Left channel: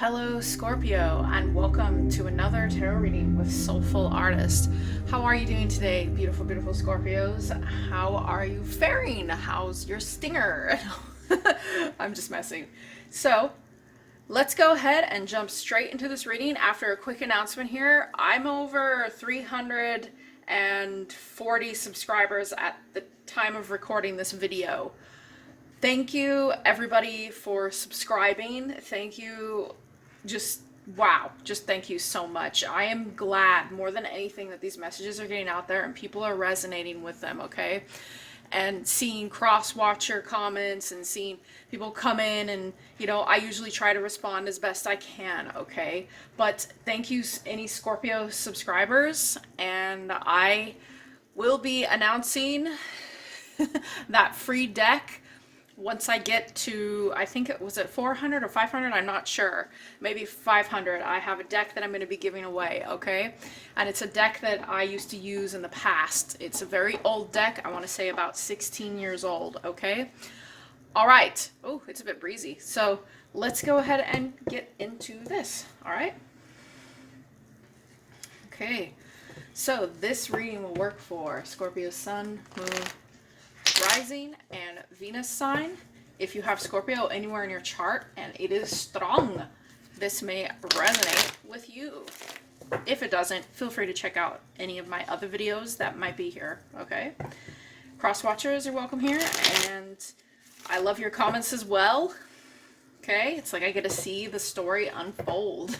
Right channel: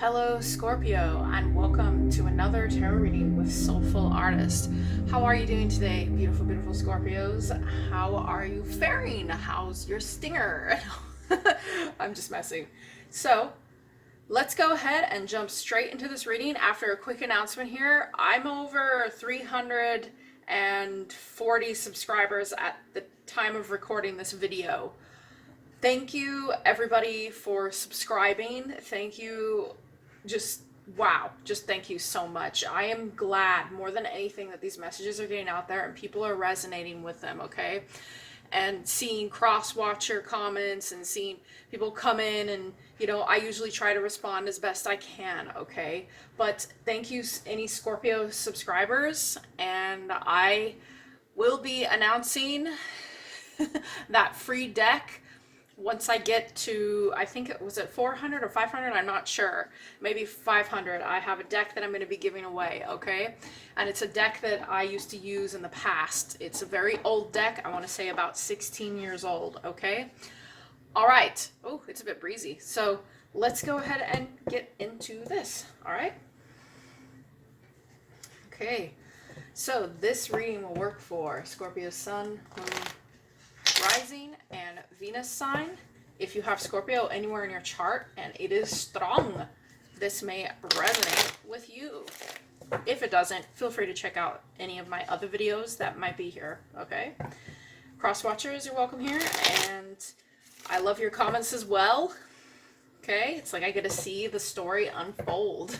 Hello, Scorpio, and welcome to another tarot reading with Soulful Artist. How are you doing today, beautiful, beautiful Scorpios? How are you faring? How's your stinger? I'm just messing. So, let's go ahead and jump straight into this reading. After a quick announcement here, I'm over 340 subscribers at the time of recording this video. Thank you, everybody, for subscribing. Thank you. Wow, just thank you so much. I am glad more than anything that these messages are getting out there and people are resonating with them, okay? And seeing cross-watcher comments and seeing people come in and, I usually try to respond as best I can, okay? But thank you, any Scorpio subscribers, and I will be announcing that free deck once I get to, I think it was at 400 or 500, I'm not sure. Maybe 500. I have a deck that I'm going to be giving away, okay? And it's a deck that I used to use in the past. It's a very old deck. I want to say about 16 years old, okay? All right. Oh, it's a bit breezy. So let's go ahead and get into this, all right? Okay. So this reading will work for Scorpio Sun, Moon, Rising, and Venus sign. If you have Scorpio anywhere in your chart and it is strong, this may resonate with you. If it doesn't, feel free to check out any of my other videos that might be here, okay? Cross watchers are welcome here, and I love your comments as well, okay? It's like I get to see the story unfold.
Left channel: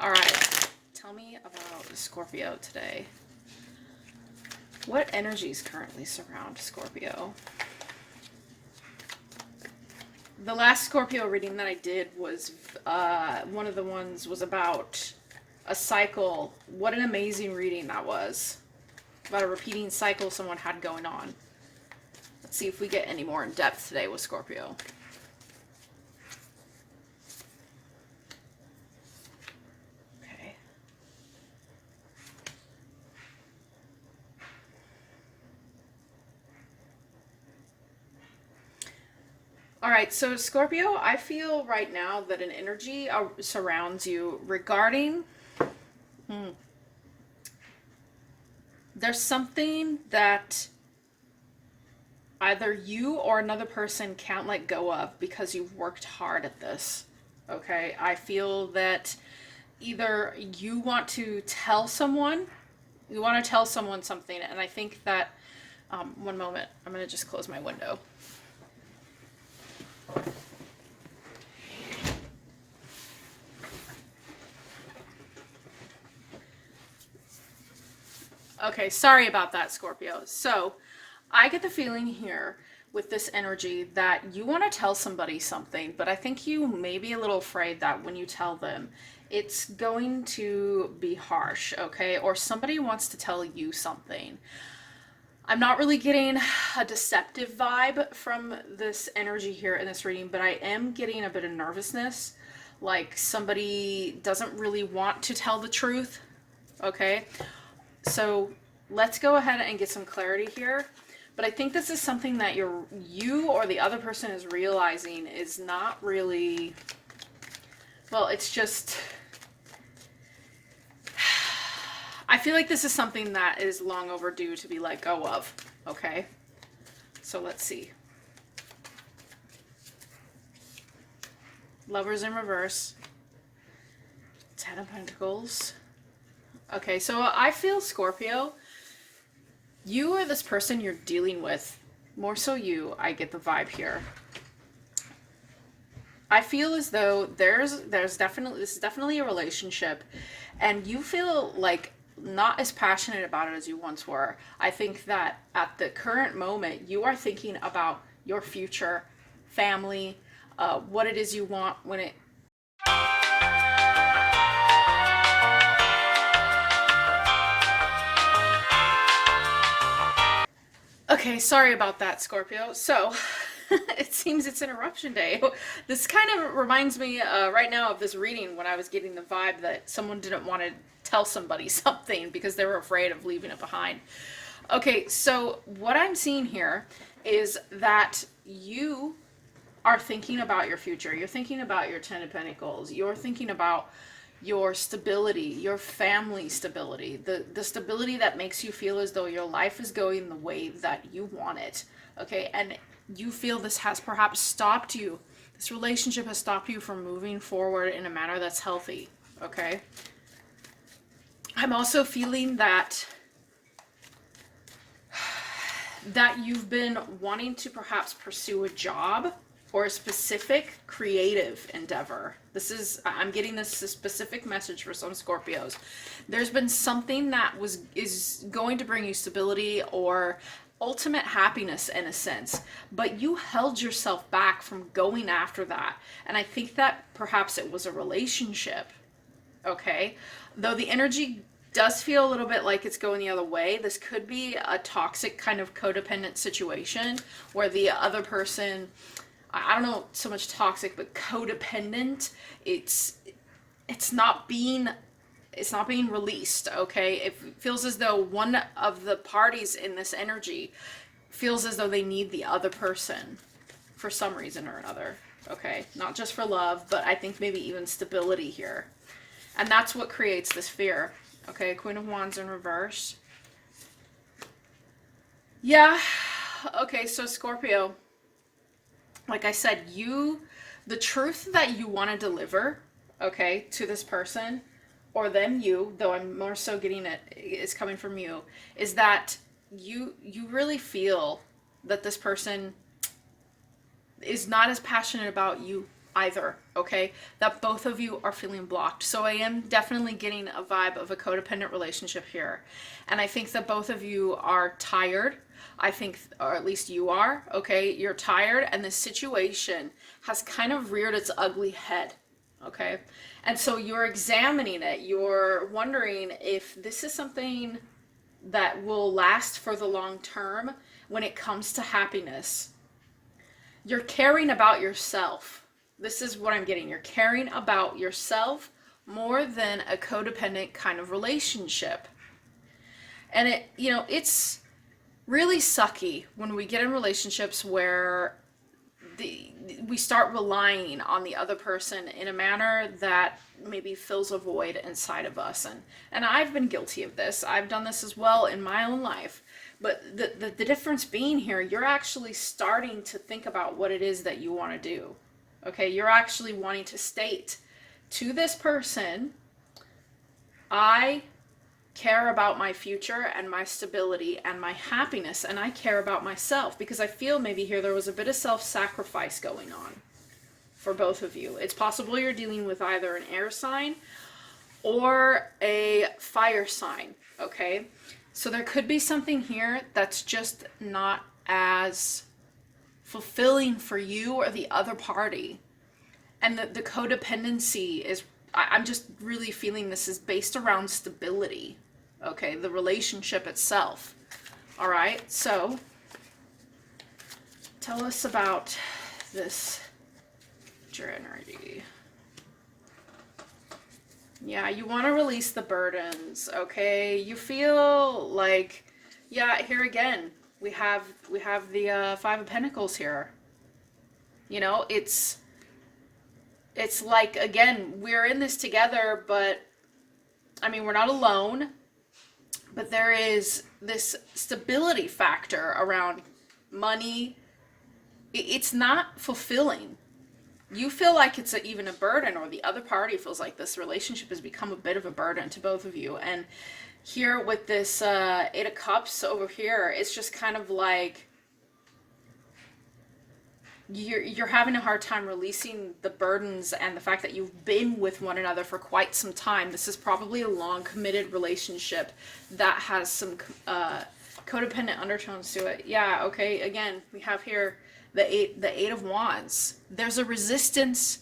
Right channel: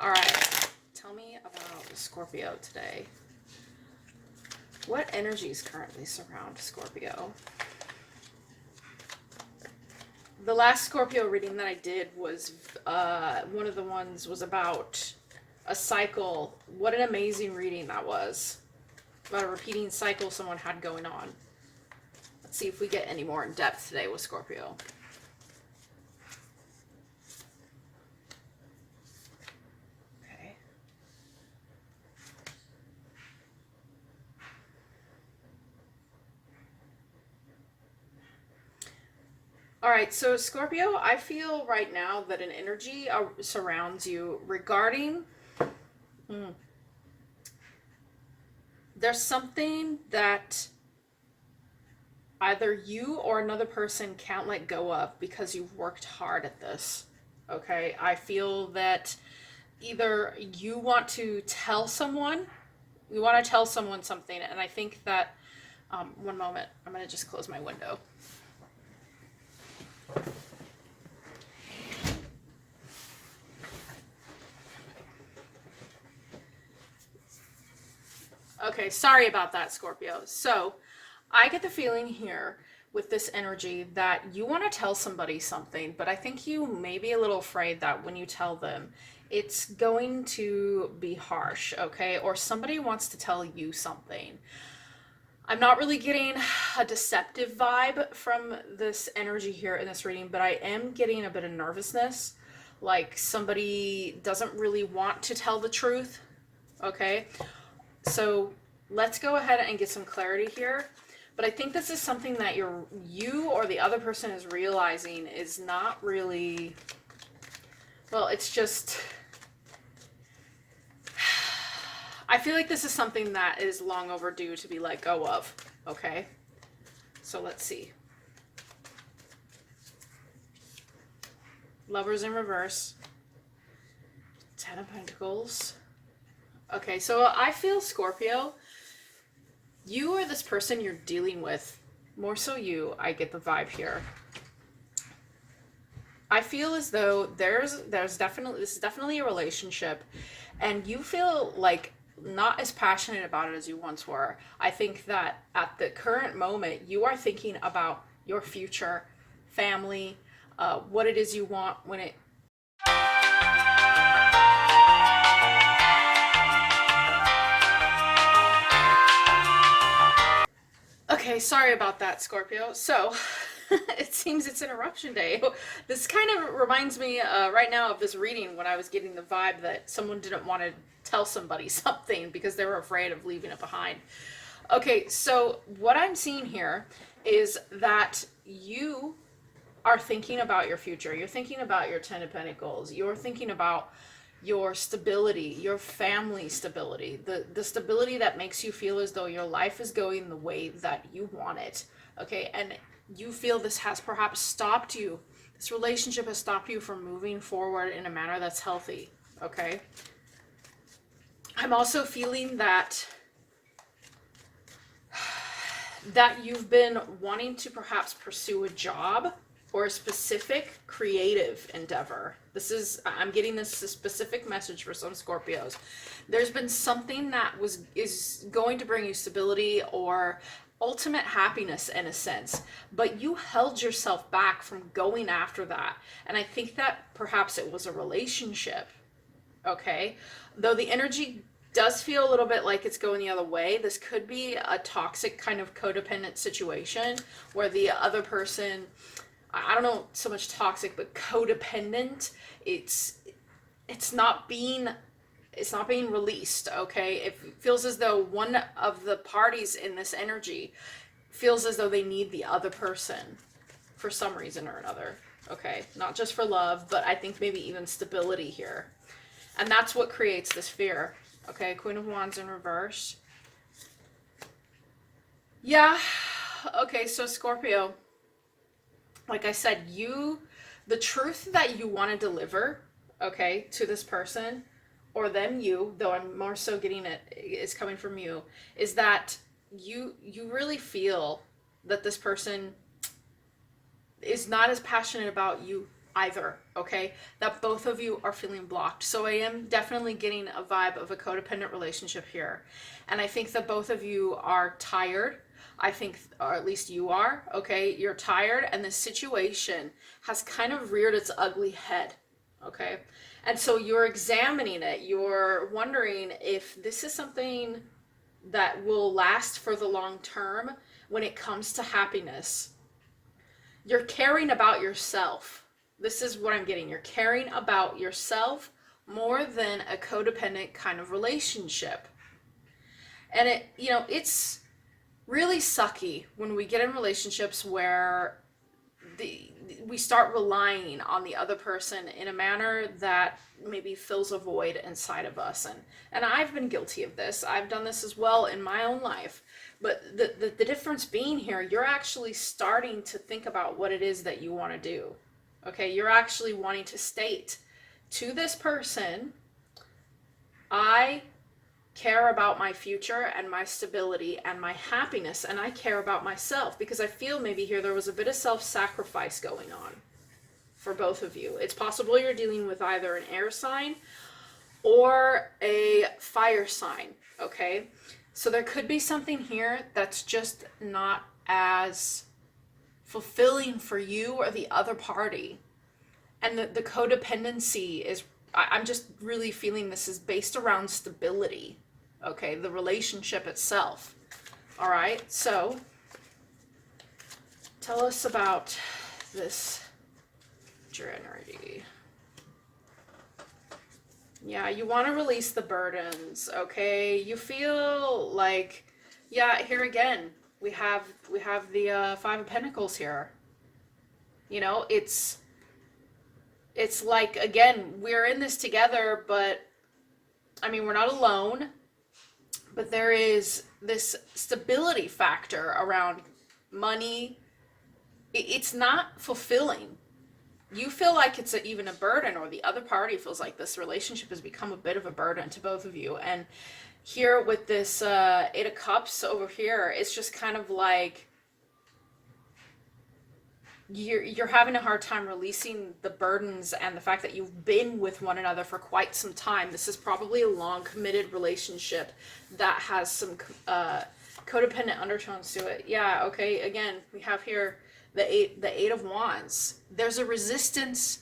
All right, tell me about Scorpio today. What energies currently surround Scorpio? The last Scorpio reading that I did was, one of the ones was about a cycle. What an amazing reading that was. About a repeating cycle someone had going on. Let's see if we get any more in depth today with Scorpio. All right, so Scorpio, I feel right now that an energy surrounds you regarding, there's something that either you or another person can't let go of because you've worked hard at this, okay? I feel that either you want to tell someone, something, and I think that, one moment, I'm going to just close my window. Okay, sorry about that, Scorpio. So, I get the feeling here with this energy that you want to tell somebody something, but I think you may be a little afraid that when you tell them, it's going to be harsh, okay? Or somebody wants to tell you something. I'm not really getting a deceptive vibe from this energy here in this reading, but I am getting a bit of nervousness, like somebody doesn't really want to tell the truth, okay? So let's go ahead and get some clarity here. But I think this is something that you or the other person is realizing is not really, well, it's just, I feel like this is something that is long overdue to be let go of, okay? So let's see. Lovers in reverse. Ten of Pentacles. Okay, so I feel, Scorpio, you or this person you're dealing with, more so you, I get the vibe here. I feel as though this is definitely a relationship, and you feel like not as passionate about it as you once were. I think that at the current moment, you are thinking about your future, family, what it is you want when it... Okay, sorry about that, Scorpio. So, it seems it's interruption day. This kind of reminds me right now of this reading when I was getting the vibe that someone didn't want to tell somebody something because they were afraid of leaving it behind. Okay, so what I'm seeing here is that you are thinking about your future. You're thinking about your Ten of Pentacles. You're thinking about your stability, your family stability, the stability that makes you feel as though your life is going the way that you want it. Okay, and you feel this has perhaps stopped you. This relationship has stopped you from moving forward in a manner that's healthy. Okay. I'm also feeling that you've been wanting to perhaps pursue a job or a specific creative endeavor. I'm getting this specific message for some Scorpios. There's been something that is going to bring you stability or ultimate happiness in a sense, but you held yourself back from going after that. And I think that perhaps it was a relationship. Okay, though the energy does feel a little bit like it's going the other way. This could be a toxic kind of codependent situation where the other person, I don't know so much toxic, but codependent, it's not being released. Okay, it feels as though one of the parties in this energy feels as though they need the other person for some reason or another. Okay, not just for love, but I think maybe even stability here. And that's what creates this fear. Okay, Queen of Wands in reverse. Yeah, okay, so Scorpio, like I said, the truth that you want to deliver, okay, to this person, or them, though I'm more so getting it is coming from you, is that you really feel that this person is not as passionate about you either, okay? That both of you are feeling blocked. So I am definitely getting a vibe of a codependent relationship here. And I think that both of you are tired. I think, or at least you are, okay? You're tired, and this situation has kind of reared its ugly head, okay? And so you're examining it. You're wondering if this is something that will last for the long term when it comes to happiness. You're caring about yourself. This is what I'm getting. You're caring about yourself more than a codependent kind of relationship. And it's really sucky when we get in relationships where we start relying on the other person in a manner that maybe fills a void inside of us. And I've been guilty of this. I've done this as well in my own life. But the difference being here, you're actually starting to think about what it is that you want to do. Okay, you're actually wanting to state to this person, I care about my future and my stability and my happiness, and I care about myself, because I feel maybe here there was a bit of self-sacrifice going on for both of you. It's possible you're dealing with either an air sign or a fire sign, okay? So there could be something here that's just not as fulfilling for you or the other party. And the codependency is, I'm just really feeling this is based around stability, okay? The relationship itself. All right, so tell us about this energy. Yeah, you want to release the burdens, okay? You feel like, yeah, here again, we have the Five of Pentacles here. You know, it's like, again, we're in this together, but I mean, we're not alone, but there is this stability factor around money. It's not fulfilling. You feel like it's even a burden, or the other party feels like this relationship has become a bit of a burden to both of you. And here with this Eight of Cups over here, it's just kind of like you're having a hard time releasing the burdens and the fact that you've been with one another for quite some time. This is probably a long committed relationship that has some codependent undertones to it. Yeah, okay, again, we have here the eight of Wands. There's a resistance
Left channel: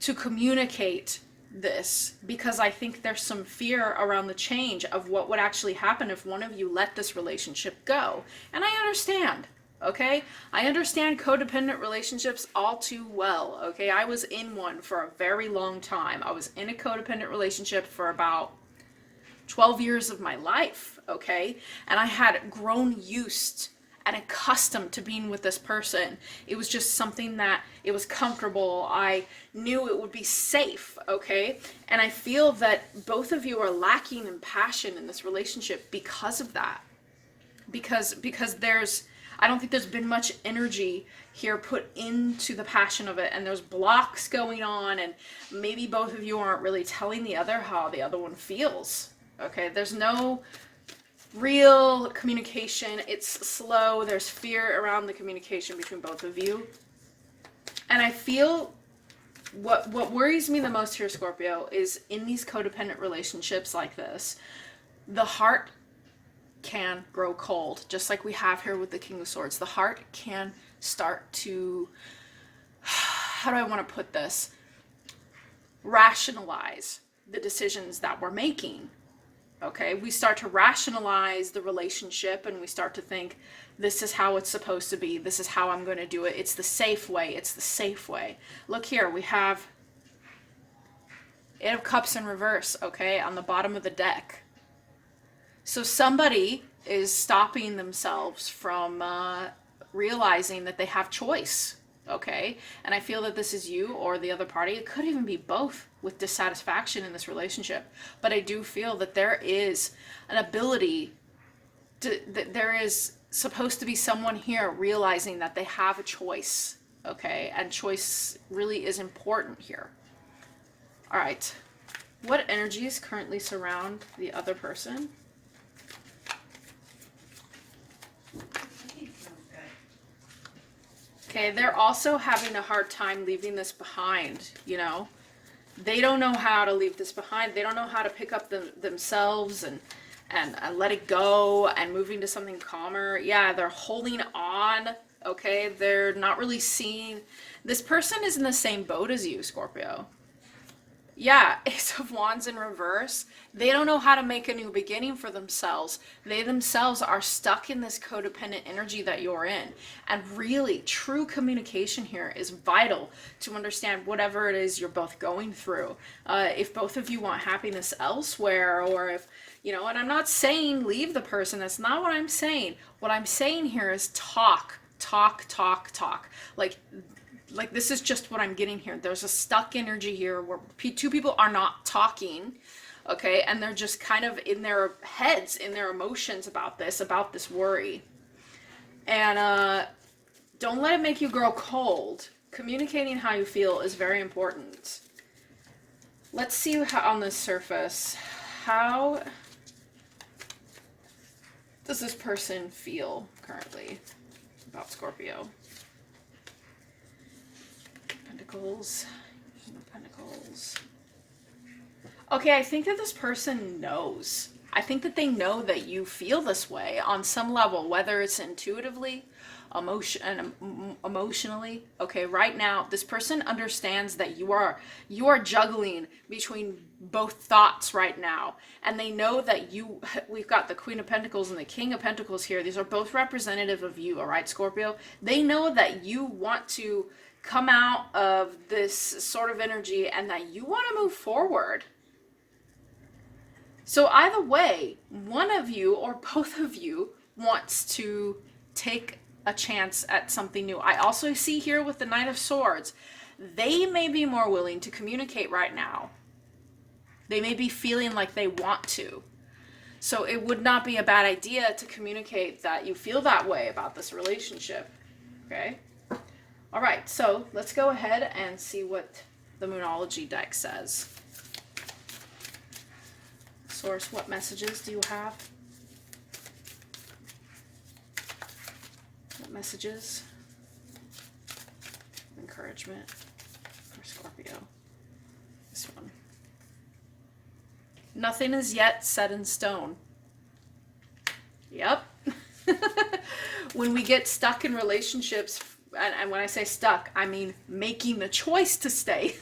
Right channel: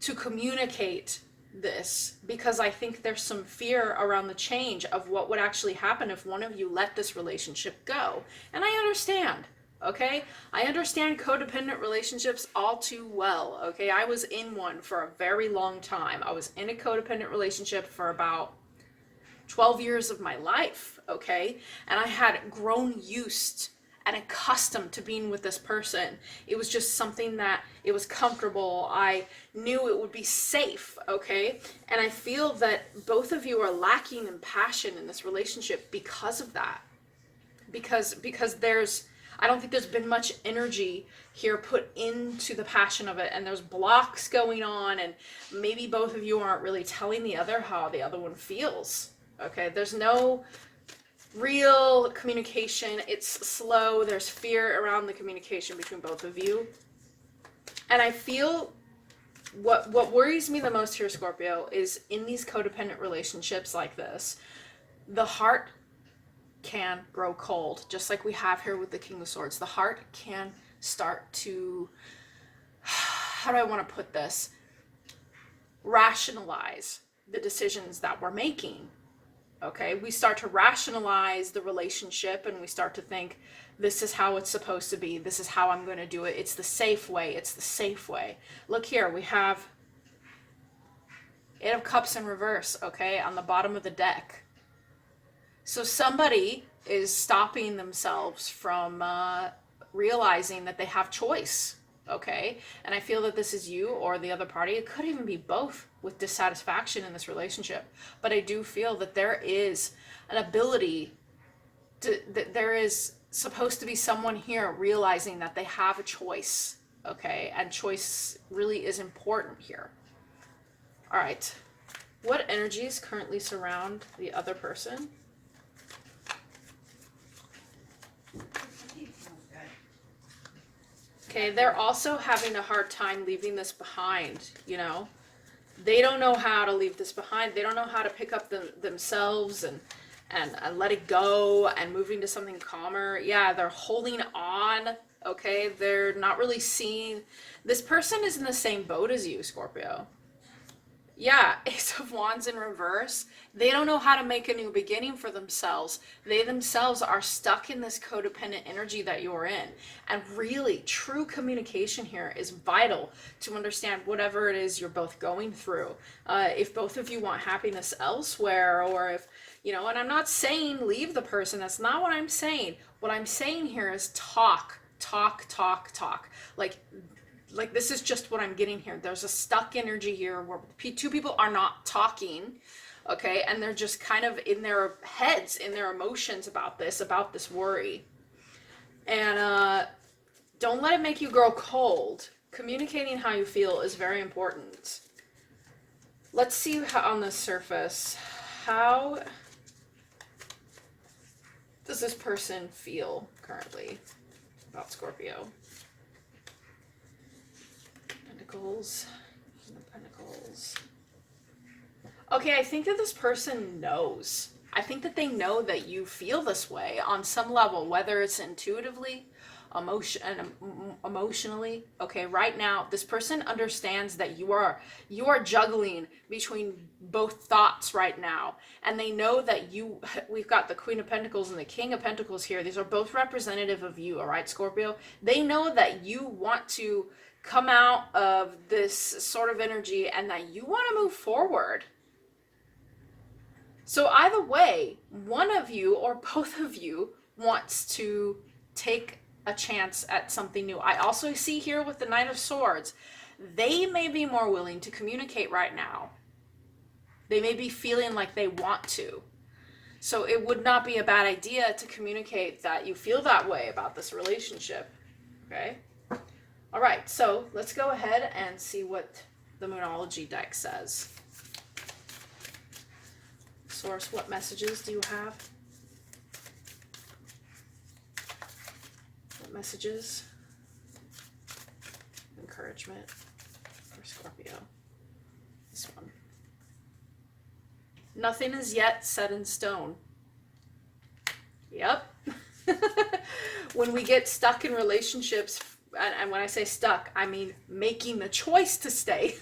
to communicate this because I think there's some fear around the change of what would actually happen if one of you let this relationship go. And I understand, okay? I understand codependent relationships all too well, okay? I was in one for a very long time. I was in a codependent relationship for about 12 years of my life, okay? And I had grown used and accustomed to being with this person. It was just something that it was comfortable. I knew it would be safe, okay? And I feel that both of you are lacking in passion in this relationship because of that. Because there's, I don't think there's been much energy here put into the passion of it, and there's blocks going on, and maybe both of you aren't really telling the other how the other one feels. Okay, there's no real communication. It's slow. There's fear around the communication between both of you. And I feel what worries me the most here, Scorpio, is in these codependent relationships like this, the heart can grow cold, just like we have here with the King of Swords. The heart can start to, how do I want to put this, rationalize the decisions that we're making. Okay, we start to rationalize the relationship, and we start to think, this is how it's supposed to be. This is how I'm going to do it. It's the safe way. It's the safe way. Look here, we have Eight of Cups in reverse, okay, on the bottom of the deck. So somebody is stopping themselves from realizing that they have choice, okay? And I feel that this is you or the other party. It could even be both with dissatisfaction in this relationship. But I do feel that there is an ability to, that there is supposed to be someone here realizing that they have a choice, okay? And choice really is important here. All right. What energies currently surround the other person? Okay, they're also having a hard time leaving this behind, you know? They don't know how to leave this behind. They don't know how to pick up themselves and let it go and moving to something calmer. Yeah, they're holding on, okay? They're not really seeing. This person is in the same boat as you, Scorpio. Yeah, Ace of Wands in reverse. They don't know how to make a new beginning for themselves. They themselves are stuck in this codependent energy that you're in. And really, true communication here is vital to understand whatever it is you're both going through. If both of you want happiness elsewhere, or if, you know, and I'm not saying leave the person. That's not what I'm saying. What I'm saying here is talk. Like this is just what I'm getting here. There's a stuck energy here where two people are not talking, okay? And they're just kind of in their heads, in their emotions about this worry. And don't let it make you grow cold. Communicating how you feel is very important. Let's see how, on the surface, how does this person feel currently about Scorpio? Pentacles. Okay, I think that this person knows. I think that they know that you feel this way on some level, whether it's intuitively, emotionally. Okay, right now, this person understands that you are juggling between both thoughts right now, and they know that we've got the Queen of Pentacles and the King of Pentacles here. These are both representative of you, all right, Scorpio? They know that you want to come out of this sort of energy and that you want to move forward. So either way, one of you or both of you wants to take a chance at something new. I also see here with the Knight of Swords, they may be more willing to communicate right now. They may be feeling like they want to. So it would not be a bad idea to communicate that you feel that way about this relationship, okay? All right, so let's go ahead and see what the Moonology deck says. Source, what messages do you have? What messages? Encouragement for Scorpio. This one. Nothing is yet set in stone. Yep. When we get stuck in relationships, and when I say stuck, I mean making the choice to stay.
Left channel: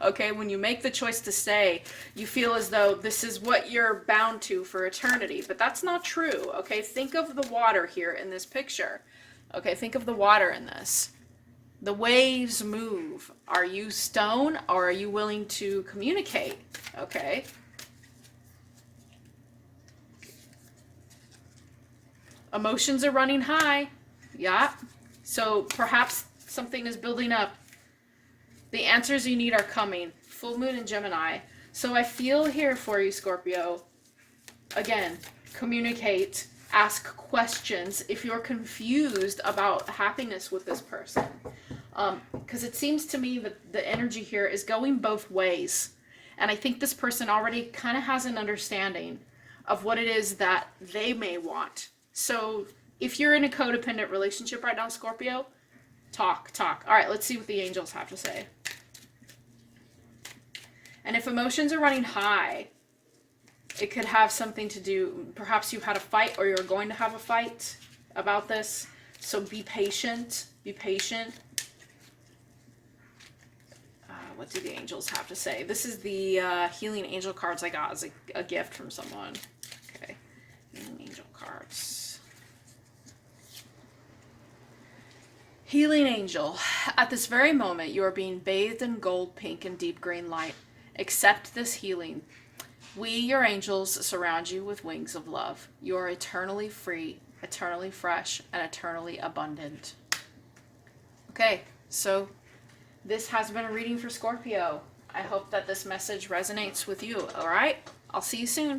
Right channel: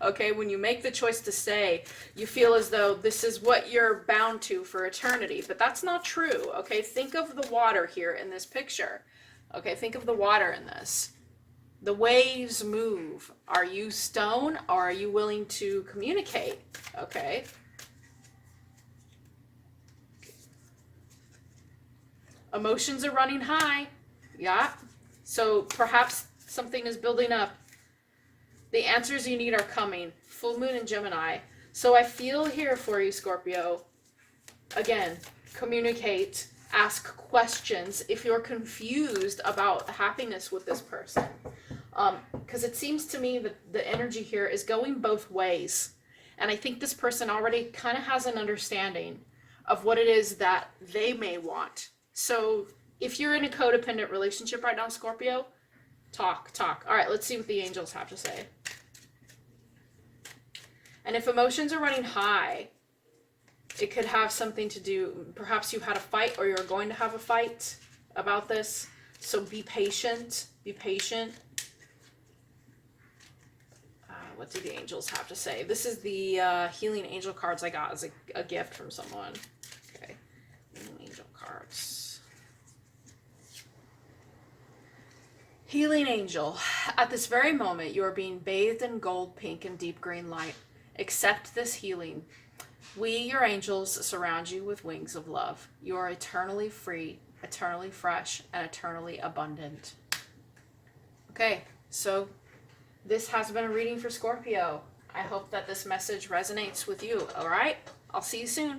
Okay, when you make the choice to stay, you feel as though this is what you're bound to for eternity, but that's not true. Okay, think of the water here in this picture. Okay, think of the water in this. The waves move. Are you stone, or are you willing to communicate? Okay. Emotions are running high. Yeah. So perhaps something is building up. The answers you need are coming. Full moon in Gemini. So I feel here for you, Scorpio. Again, communicate, ask questions if you're confused about happiness with this person. Because it seems to me that the energy here is going both ways. And I think this person already kind of has an understanding of what it is that they may want. So if you're in a codependent relationship right now, Scorpio, talk. All right, let's see what the angels have to say. And if emotions are running high, it could have something to do, perhaps you've had a fight or you're going to have a fight about this. So be patient. What do the angels have to say? This is the healing angel cards I got as a gift from someone. Okay, healing angel cards. Healing angel. At this very moment, you are being bathed in gold, pink, and deep green light. Accept this healing. We, your angels, surround you with wings of love. You are eternally free, eternally fresh, and eternally abundant. Okay, so this has been a reading for Scorpio. I hope that this message resonates with you, all right? I'll see you soon.